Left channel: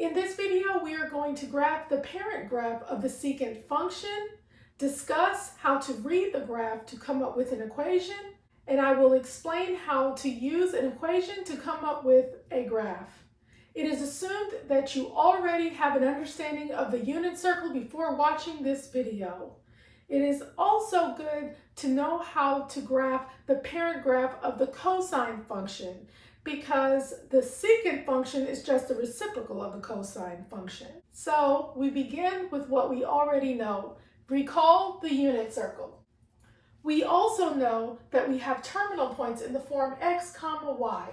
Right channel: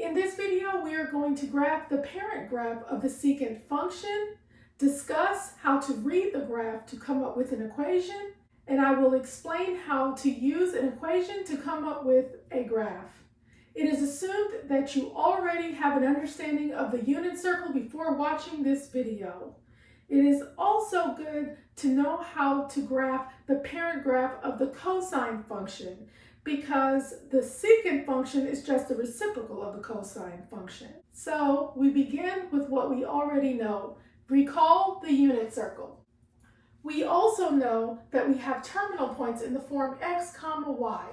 In this video, we are going to graph the parent graph of the secant function, discuss how to read the graph to come up with an equation, and I will explain how to use an equation to come up with a graph. It is assumed that you already have an understanding of the unit circle before watching this video. It is also good to know how to graph the parent graph of the cosine function, because the secant function is just the reciprocal of the cosine function. So we begin with what we already know. Recall the unit circle. We also know that we have terminal points in the form x comma y,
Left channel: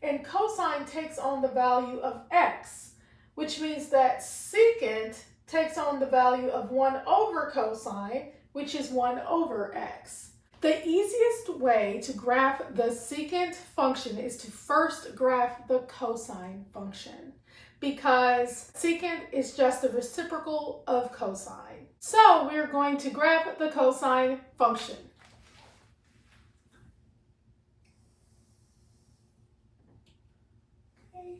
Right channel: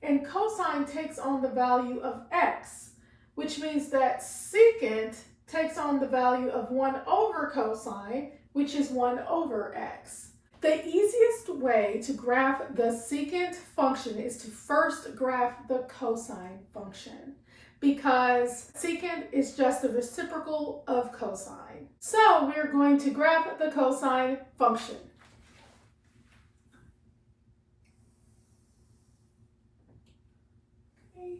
and cosine takes on the value of x, which means that secant takes on the value of 1 over cosine, which is 1 over x. The easiest way to graph the secant function is to first graph the cosine function, because secant is just the reciprocal of cosine. So we're going to graph the cosine function. Okay,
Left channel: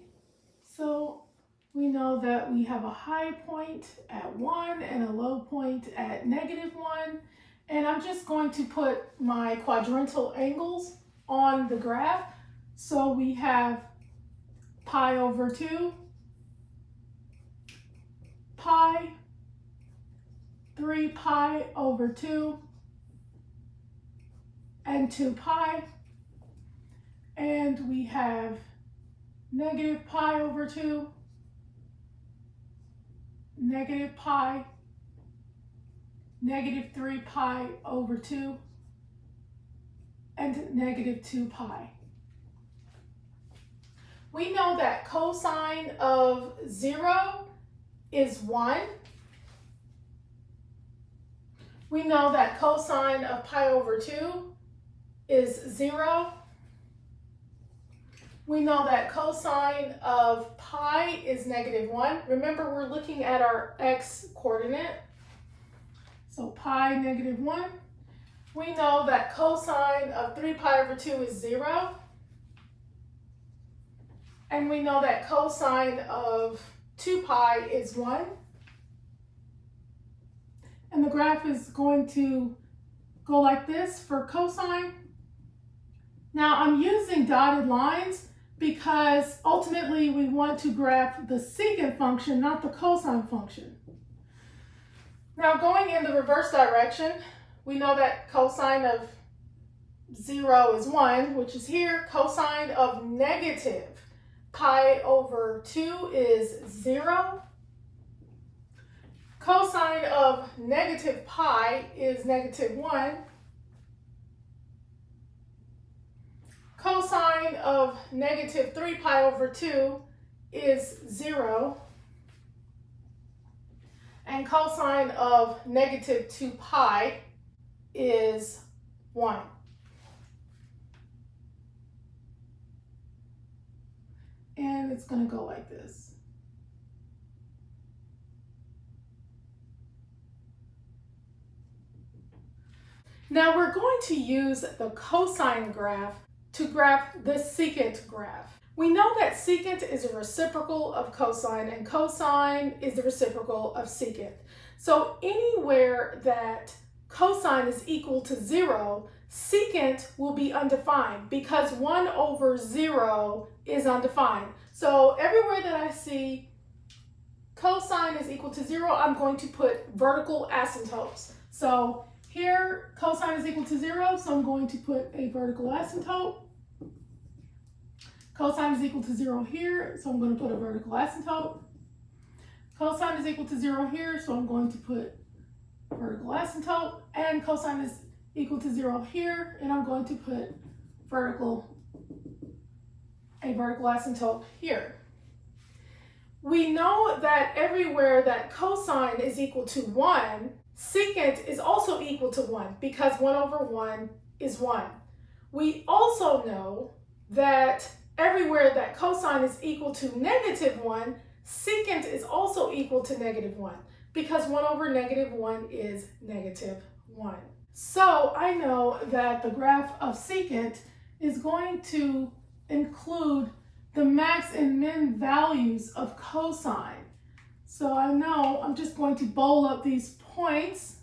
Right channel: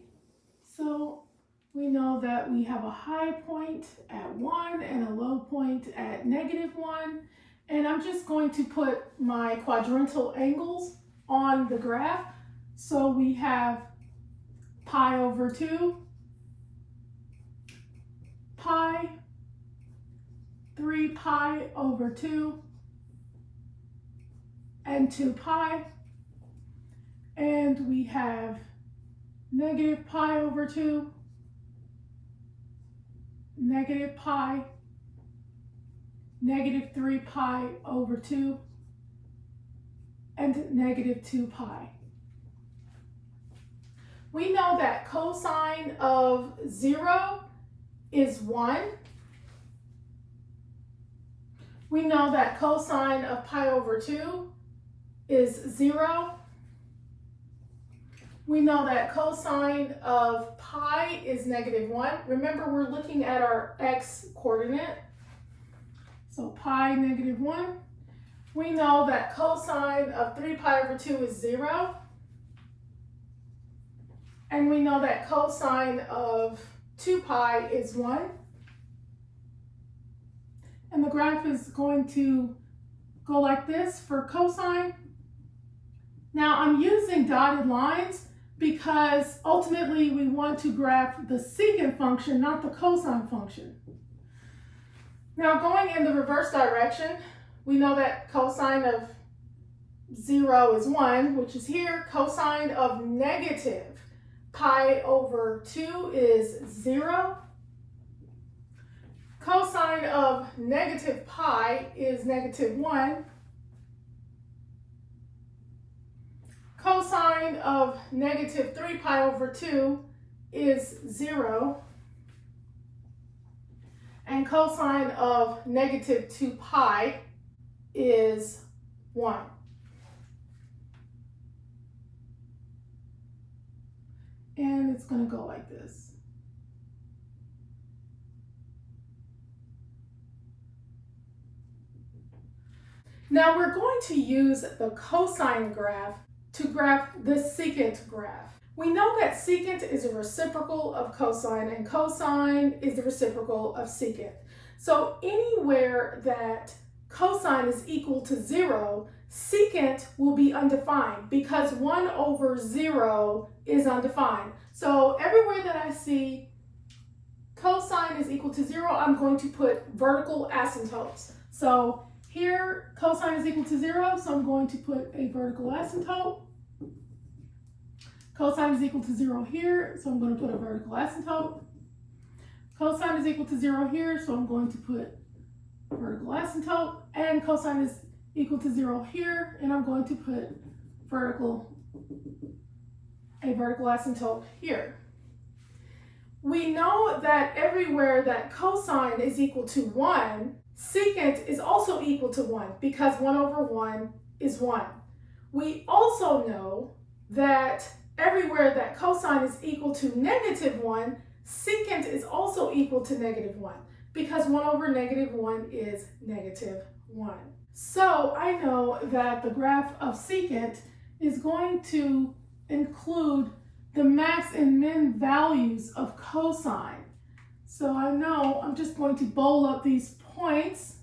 so we know that we have a high point at 1 and a low point at -1. And I'm just going to put my quadrantal angles on the graph. So we have pi over 2, pi, 3 pi over 2, and 2 pi. And we have negative pi over 2, negative pi, negative 3 pi over 2, and negative 2 pi. We know that cosine of 0 is 1. We know that cosine of pi over 2 is 0. We know that cosine of pi is -1. Remember, we're looking at our x coordinate. So pi -1. We know that cosine of 3 pi over 2 is 0. And we know that cosine of 2 pi is 1. And the graph is going to go like this for cosine. Now I'm using dotted lines because ultimately we want to graph the secant function, not the cosine function. Now going in the reverse direction, we know that cosine of 0 is 1, which is here. Cosine of negative pi over 2 is 0. Cosine of negative pi is -1. Cosine of negative 3 pi over 2 is 0. And cosine of negative 2 pi is 1. And it's going to go like this. Now we're going to use the cosine graph to graph the secant graph. We know that secant is a reciprocal of cosine, and cosine is the reciprocal of secant. So anywhere that cosine is equal to 0, secant will be undefined, because 1 over 0 is undefined. So everywhere that I see cosine is equal to 0, I'm going to put vertical asymptotes. So here cosine is equal to 0, so I'm going to put a vertical asymptote. Cosine is equal to 0 here, so I'm going to put a vertical asymptote. Cosine is equal to 0 here, so I'm going to put a vertical asymptote. And cosine is equal to 0 here, and I'm going to put a vertical asymptote here. We know that everywhere that cosine is equal to 1, secant is also equal to 1, because 1 over 1 is 1. We also know that everywhere that cosine is equal to -1, secant is also equal to -1, because 1 over -1 is -1. So I know that the graph of secant is going to include the max and min values of cosine. So I know I'm just going to bold up these points,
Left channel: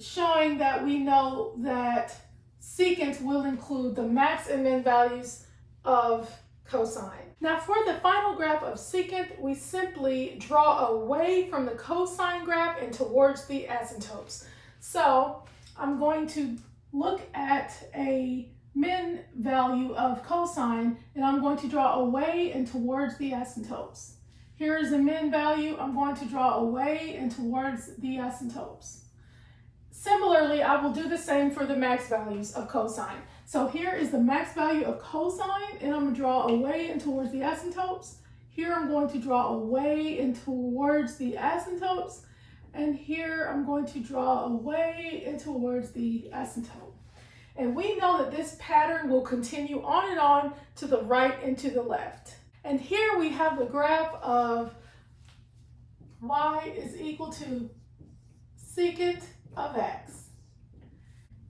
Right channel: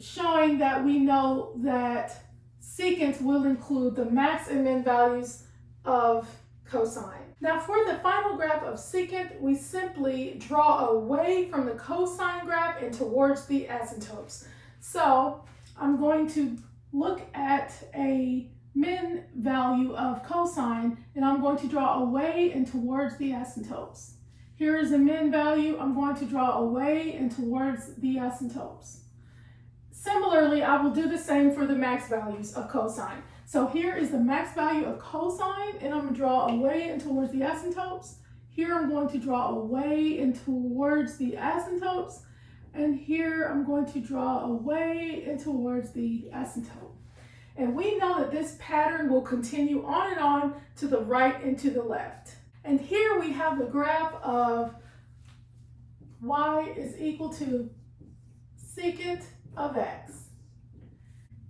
showing that we know that secant will include the max and min values of cosine. Now for the final graph of secant, we simply draw away from the cosine graph and towards the asymptotes. So I'm going to look at a min value of cosine, and I'm going to draw away and towards the asymptotes. Here is the min value. I'm going to draw away and towards the asymptotes. Similarly, I will do the same for the max values of cosine. So here is the max value of cosine, and I'm going to draw away and towards the asymptotes. Here I'm going to draw away and towards the asymptotes. And here I'm going to draw away and towards the asymptote. And we know that this pattern will continue on and on to the right and to the left. And here we have the graph of y is equal to secant of x.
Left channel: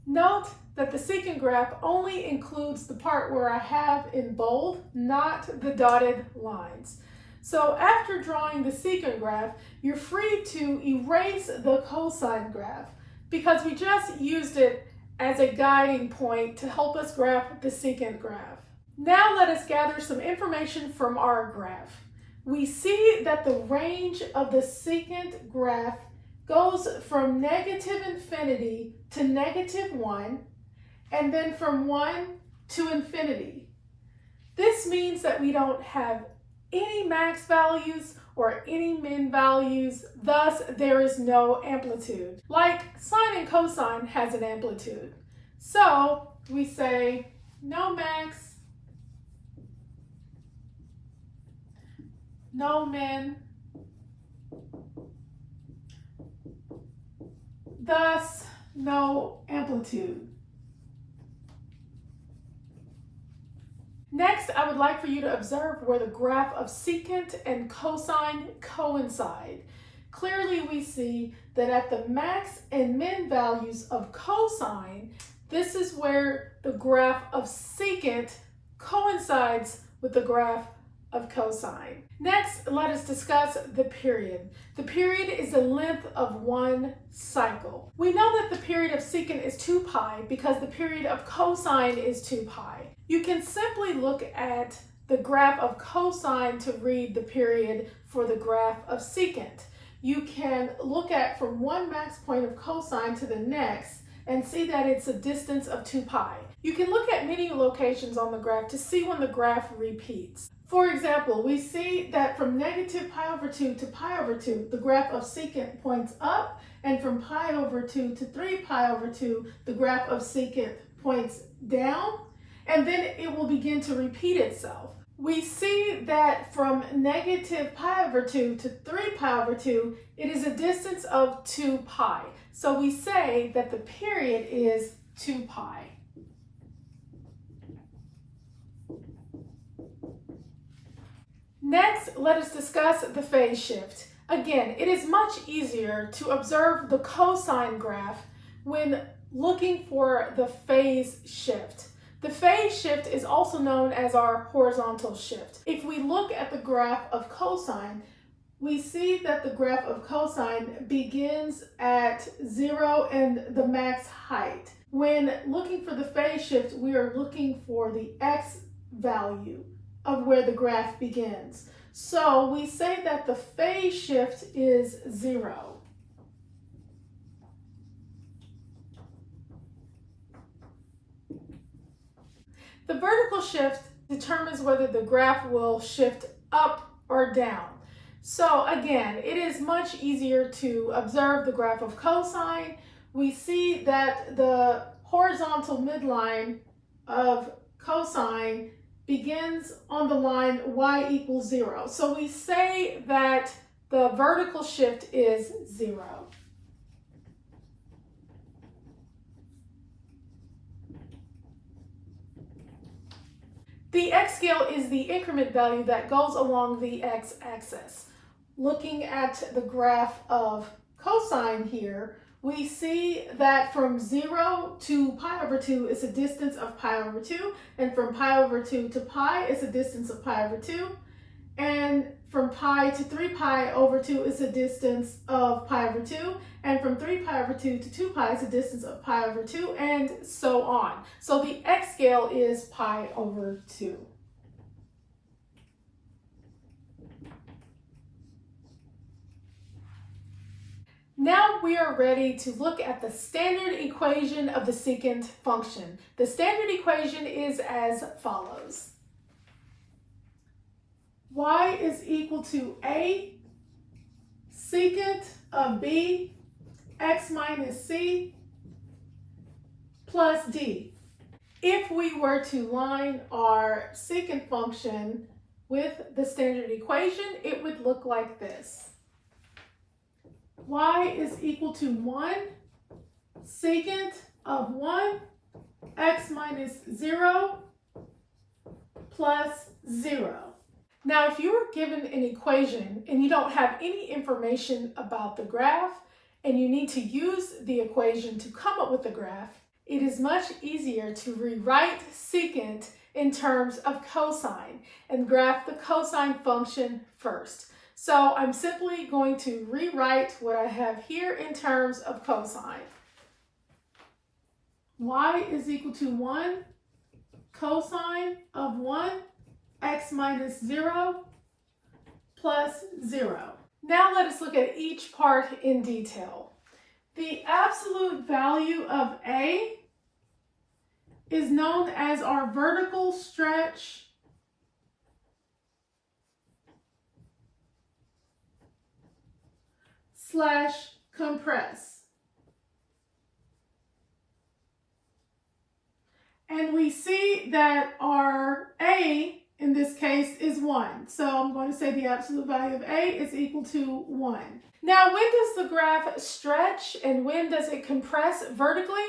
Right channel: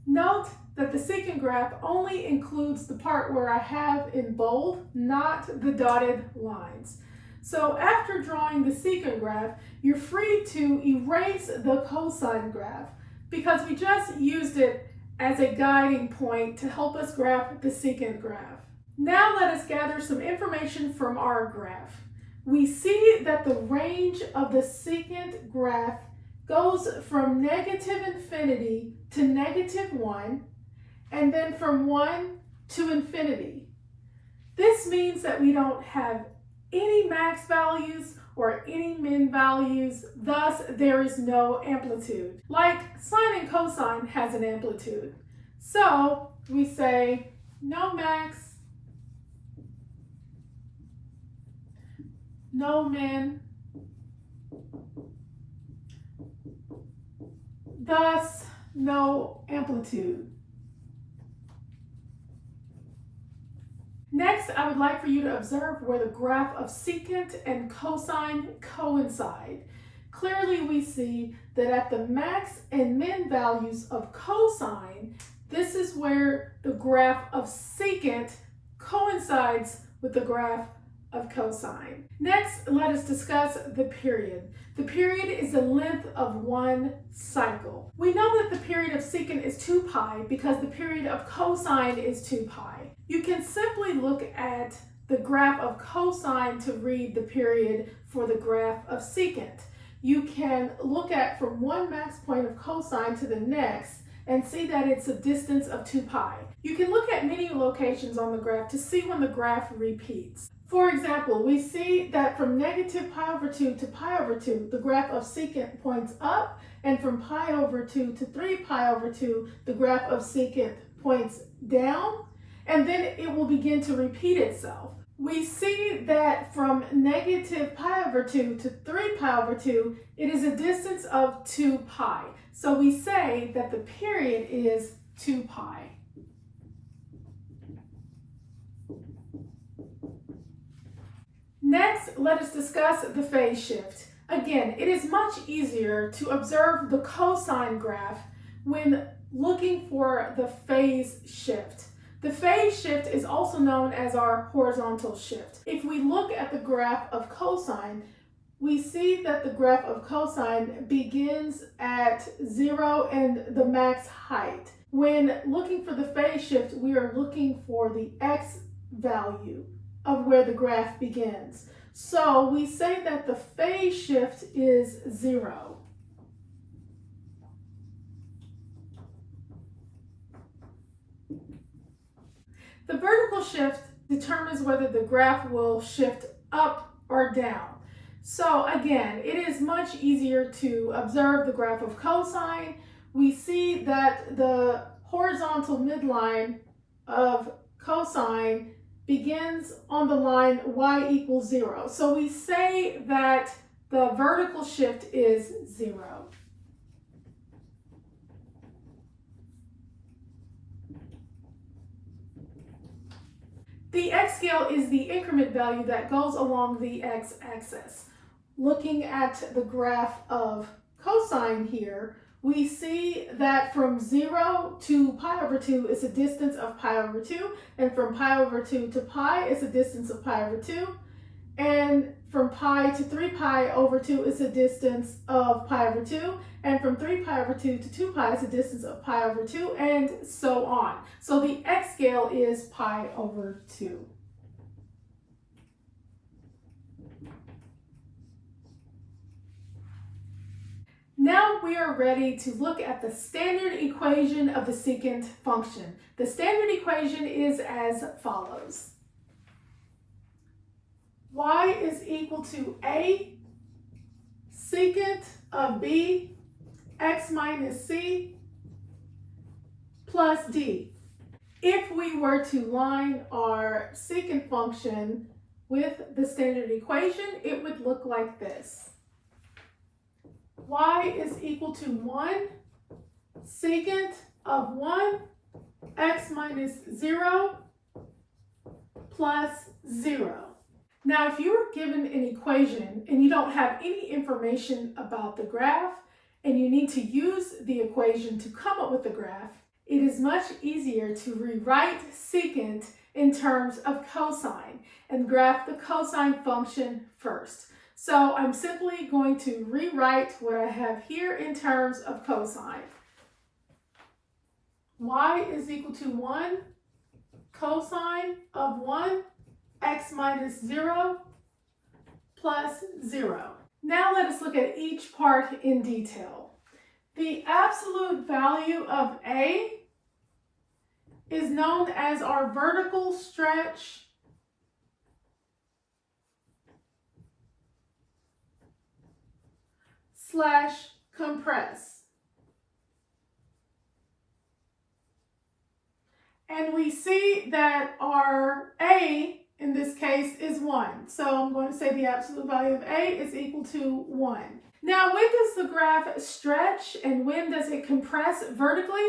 Note that the secant graph only includes the part where I have in bold, not the dotted lines. So after drawing the secant graph, you're free to erase the cosine graph because we just used it as a guiding point to help us graph the secant graph. Now let us gather some information from our graph. We see that the range of the secant graph goes from negative infinity to -1, and then from 1 to infinity. This means that we don't have any max values or any min values, thus there is no amplitude. Like sine and cosine has an amplitude. So we say no max, no min, thus no amplitude. Next, I would like for you to observe where the graph of secant and cosine coincide. Clearly we see that at the max and min values of cosine, this is where the graph of secant coincides with the graph of cosine. Next, let us discuss the period. The period is the length of one cycle. We know that the period of secant is 2 pi because the period of cosine is 2 pi. You can simply look at the graph of cosine to read the period for the graph of secant. You can look at from one max point of cosine to the next and see that it's a distance of 2 pi. You can look at many locations on the graph to see when the graph repeats. For example, we see that from negative pi over 2 to pi over 2, the graph of secant points up, and from pi over 2 to 3 pi over 2, the graph of secant points down, and then it will begin to repeat itself. We see that from negative pi over 2 to 3 pi over 2, it is a distance of 2 pi. So we say that the period is 2 pi. Next, let us discuss the phase shift. Again, it is much easier to observe the cosine graph when looking for the phase shift. The phase shift is also known as our horizontal shift. If we look at the graph of cosine, we see that the graph of cosine begins at 0 and the max height. When looking for the phase shift, we are looking for the x value of where the graph begins. So we say that the phase shift is 0. The vertical shift determines whether the graph will shift up or down. So again, it is much easier to observe the graph of cosine. We see that the horizontal midline of cosine begins on the line y equals 0. So we say that the vertical shift is 0. The x-scale is the increment value that goes along the x-axis. Looking at the graph of cosine here, we see that from 0 to pi over 2 is a distance of pi over 2, and from pi over 2 to pi is a distance of pi over 2, and from pi to 3 pi over 2 is a distance of pi over 2, and from 3 pi over 2 to 2 pi is a distance of pi over 2, and so on. So the x scale is pi over 2. Now we are ready to look at the standard equation of the secant function. The standard equation is as follows. Y is equal to a secant of b x minus c plus d. If we were to line our secant function with the standard equation, it would look like this. Y is equal to 1 secant of 1 x minus 0 plus 0. Now, if you were given an equation and you don't have any information about the graph and you need to use the equation to come up with the graph, it is much easier to rewrite secant in terms of cosine and graph the cosine function first. So I'm simply going to rewrite what I have here in terms of cosine. Y is equal to 1 cosine of 1 x minus 0 plus 0. Now let us look at each part in detail. The absolute value of A is known as our vertical stretch slash compress. And we see that our A in this case is 1. So I'm going to say the absolute value of A is equal to 1. Now, when does the graph stretch and when does it compress vertically?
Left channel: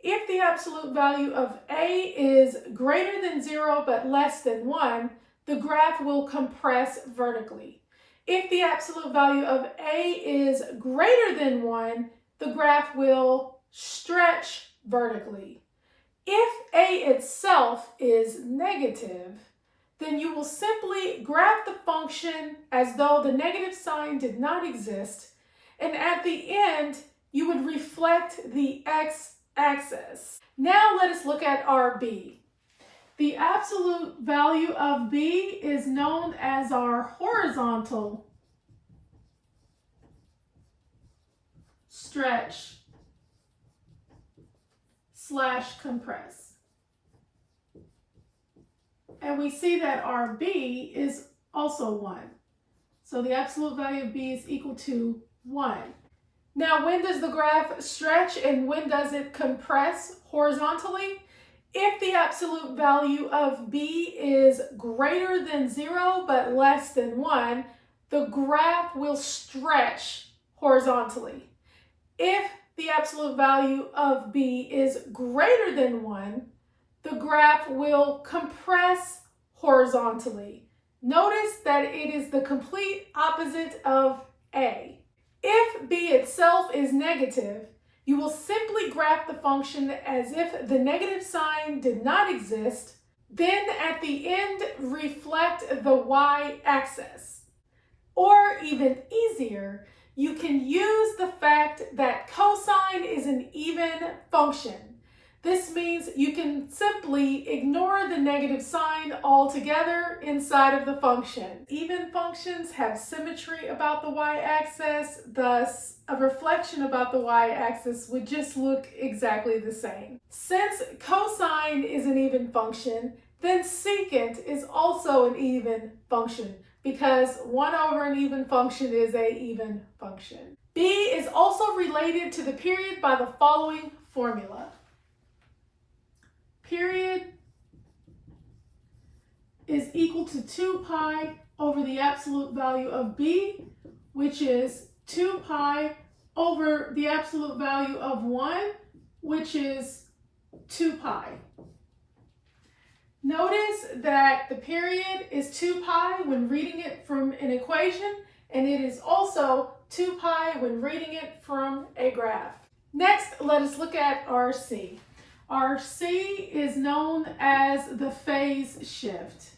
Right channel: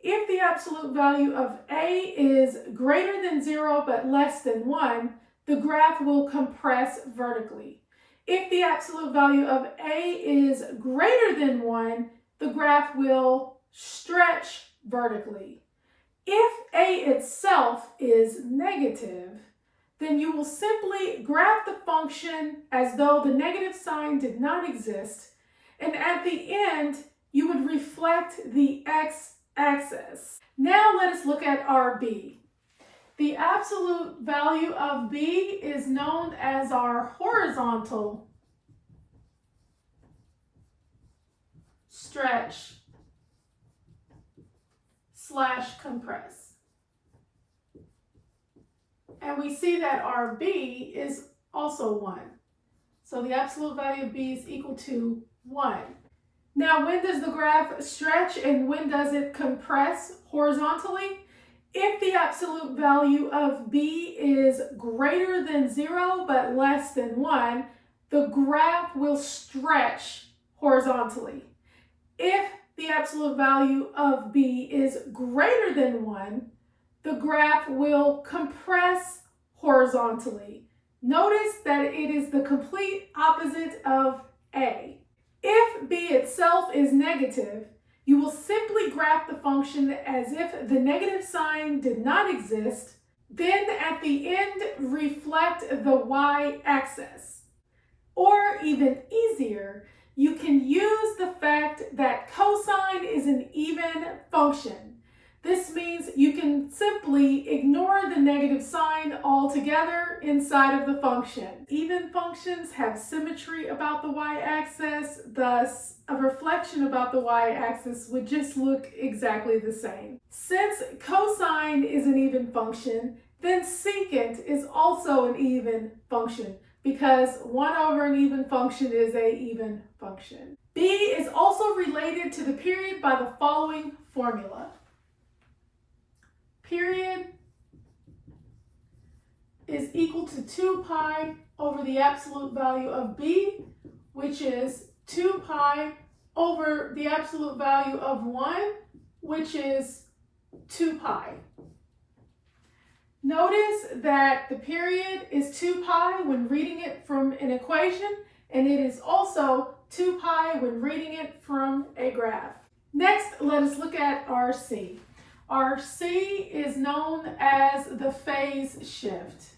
If the absolute value of A is greater than 0 but less than 1, the graph will compress vertically. If the absolute value of A is greater than 1, the graph will stretch vertically. If A itself is negative, then you will simply graph the function as though the negative sign did not exist, and at the end, you would reflect the x-axis. Now let us look at our B. The absolute value of B is known as our horizontal stretch slash compress. And we see that our B is also 1. So the absolute value of B is equal to 1. Now, when does the graph stretch and when does it compress horizontally? If the absolute value of B is greater than 0 but less than 1, the graph will stretch horizontally. If the absolute value of B is greater than 1, the graph will compress horizontally. Notice that it is the complete opposite of A. If B itself is negative, you will simply graph the function as if the negative sign did not exist, then at the end reflect the y-axis. Or even easier, you can use the fact that cosine is an even function. This means you can simply ignore the negative sign altogether inside of the function. Even functions have symmetry about the y-axis, thus a reflection about the y-axis would just look exactly the same. Since cosine is an even function, then secant is also an even function because 1 over an even function is an even function. B is also related to the period by the following formula. Period is equal to 2 pi over the absolute value of B, which is 2 pi over the absolute value of 1, which is 2 pi. Notice that the period is 2 pi when reading it from an equation, and it is also 2 pi when reading it from a graph. Next, let us look at RC. RC is known as the phase shift,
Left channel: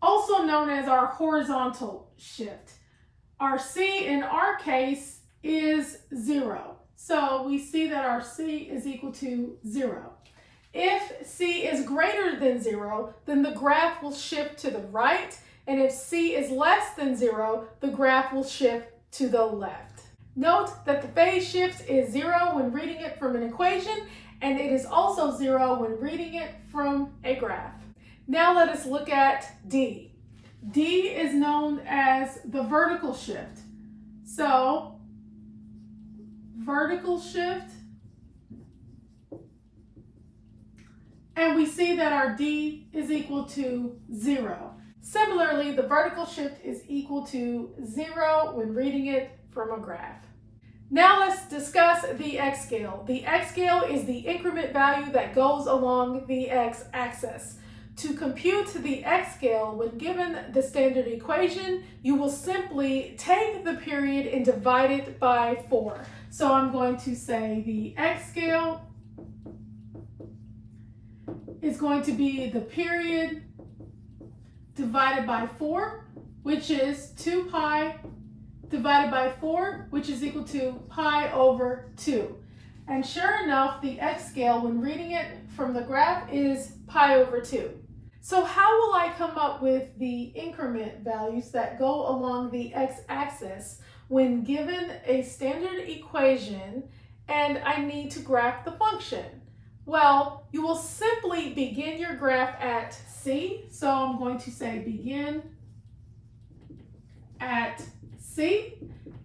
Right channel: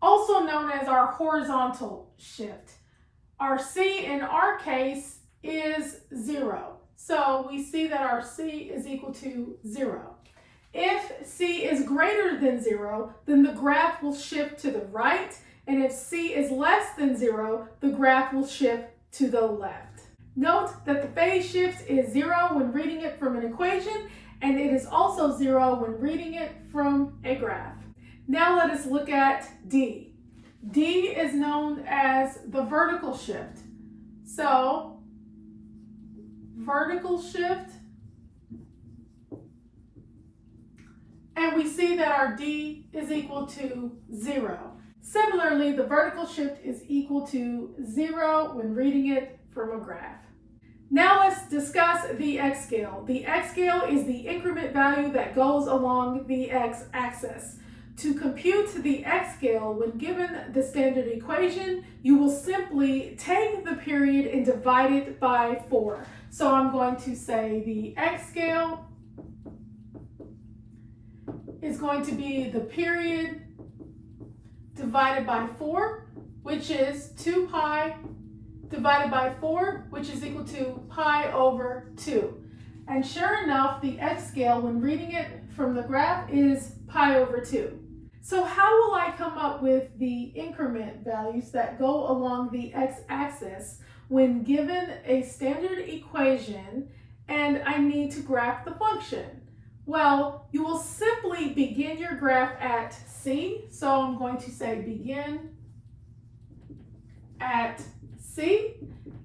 also known as our horizontal shift. RC in our case is 0. So we see that our C is equal to 0. If C is greater than 0, then the graph will shift to the right, and if C is less than 0, the graph will shift to the left. Note that the phase shift is 0 when reading it from an equation, and it is also 0 when reading it from a graph. Now let us look at D. D is known as the vertical shift. So, vertical shift, and we see that our D is equal to 0. Similarly, the vertical shift is equal to 0 when reading it from a graph. Now let's discuss the x-scale. The x-scale is the increment value that goes along the x-axis. To compute the x-scale when given the standard equation, you will simply take the period and divide it by 4. So I'm going to say the x-scale is going to be the period divided by 4, which is 2 pi divided by 4, which is equal to pi over 2. And sure enough, the x-scale when reading it from the graph is pi over 2. So how will I come up with the increment values that go along the x-axis when given a standard equation and I need to graph the function? Well, you will simply begin your graph at C. So I'm going to say begin at C,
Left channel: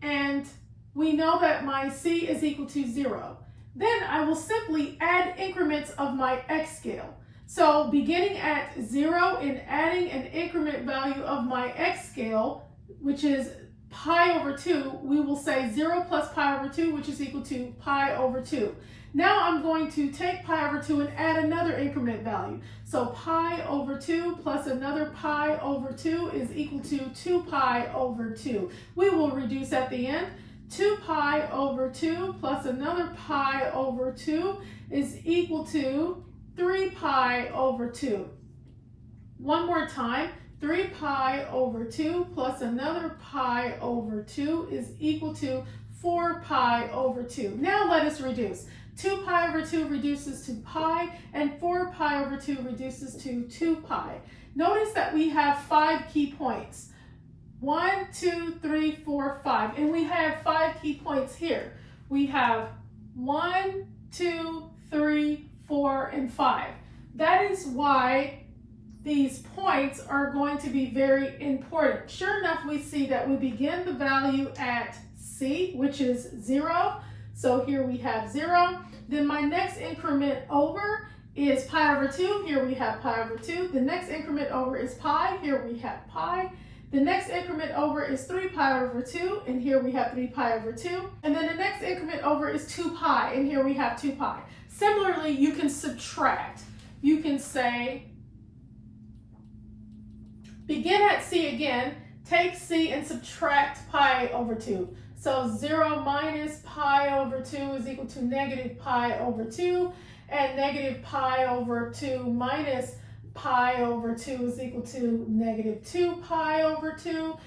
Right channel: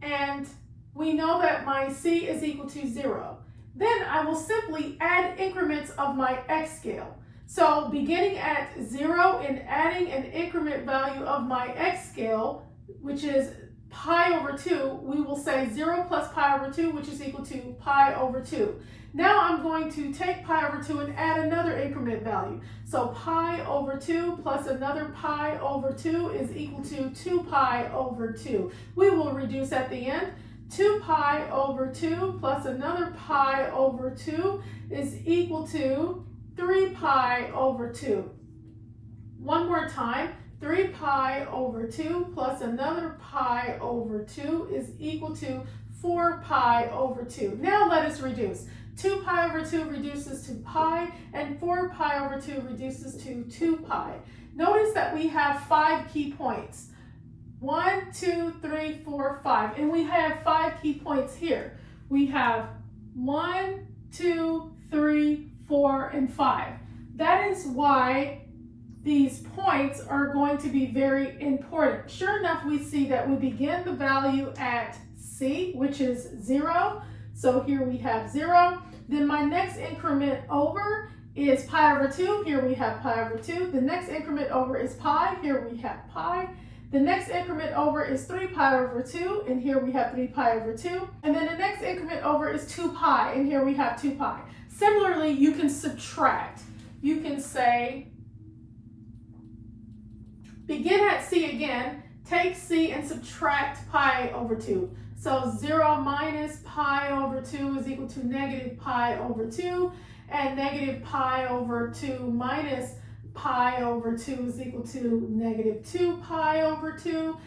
and we know that my C is equal to 0. Then I will simply add increments of my x-scale. So beginning at 0 and adding an increment value of my x-scale, which is pi over 2, we will say 0 plus pi over 2, which is equal to pi over 2. Now I'm going to take pi over 2 and add another increment value. So pi over 2 plus another pi over 2 is equal to 2 pi over 2. We will reduce at the end. 2 pi over 2 plus another pi over 2 is equal to 3 pi over 2. One more time, 3 pi over 2 plus another pi over 2 is equal to 4 pi over 2. Now let us reduce. 2 pi over 2 reduces to pi, and 4 pi over 2 reduces to 2 pi. Notice that we have 5 key points. 1, 2, 3, 4, 5. And we have 5 key points here. We have 1, 2, 3, 4, and 5. That is why these points are going to be very important. Sure enough, we see that we begin the value at C, which is 0. So here we have 0. Then my next increment over is pi over 2. Here we have pi over 2. The next increment over is pi. Here we have pi. The next increment over is 3 pi over 2, and here we have 3 pi over 2. And then the next increment over is 2 pi, and here we have 2 pi. Similarly, you can subtract. You can say, begin at C again, take C and subtract pi over 2. So 0 minus pi over 2 is equal to negative pi over 2, and negative pi over 2 minus pi over 2 is equal to negative 2 pi over 2.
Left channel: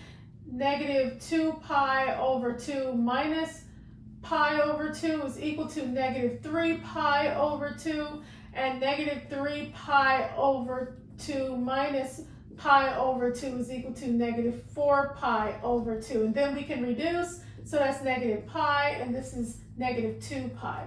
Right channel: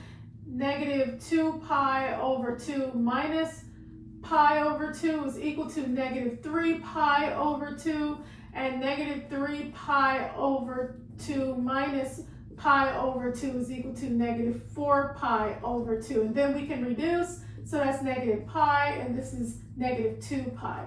Negative 2 pi over 2 minus pi over 2 is equal to negative 3 pi over 2. And negative 3 pi over 2 minus pi over 2 is equal to negative 4 pi over 2. And then we can reduce, so that's negative pi, and this is negative 2 pi.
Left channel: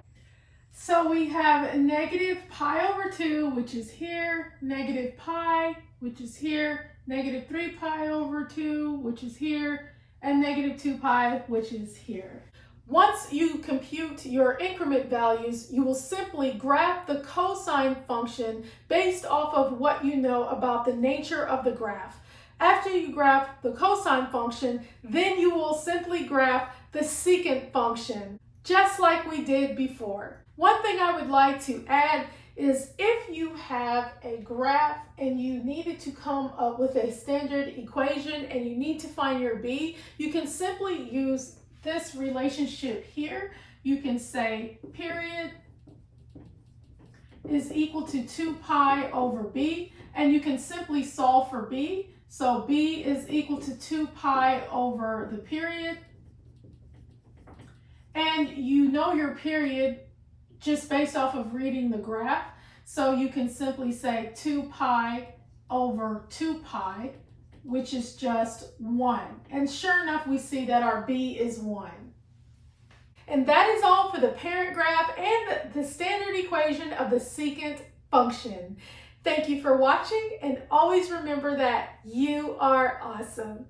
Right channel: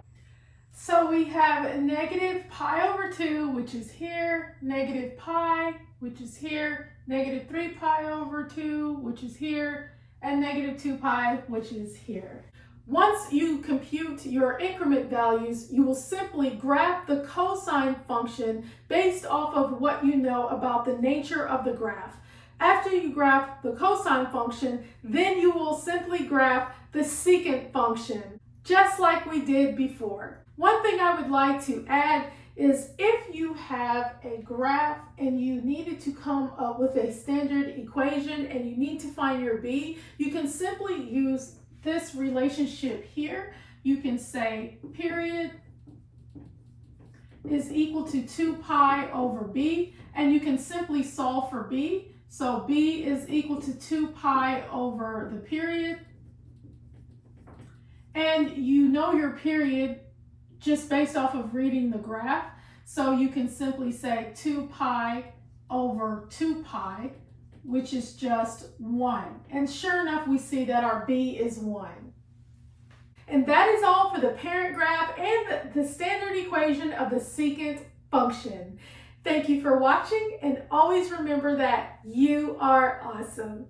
So we have negative pi over 2, which is here, negative pi, which is here, negative 3 pi over 2, which is here, and negative 2 pi, which is here. Once you compute your increment values, you will simply graph the cosine function based off of what you know about the nature of the graph. After you graph the cosine function, then you will simply graph the secant function, just like we did before. One thing I would like to add is if you have a graph and you needed to come up with a standard equation and you need to find your b, you can simply use this relationship here. You can say period is equal to 2 pi over b, and you can simply solve for b. So b is equal to 2 pi over the period. And you know your period just based off of reading the graph. So you can simply say 2 pi over 2 pi, which is just 1. And sure enough, we see that our b is 1. And that is all for the parent graph and the standard equation of the secant function. Thank you for watching, and always remember that you are awesome.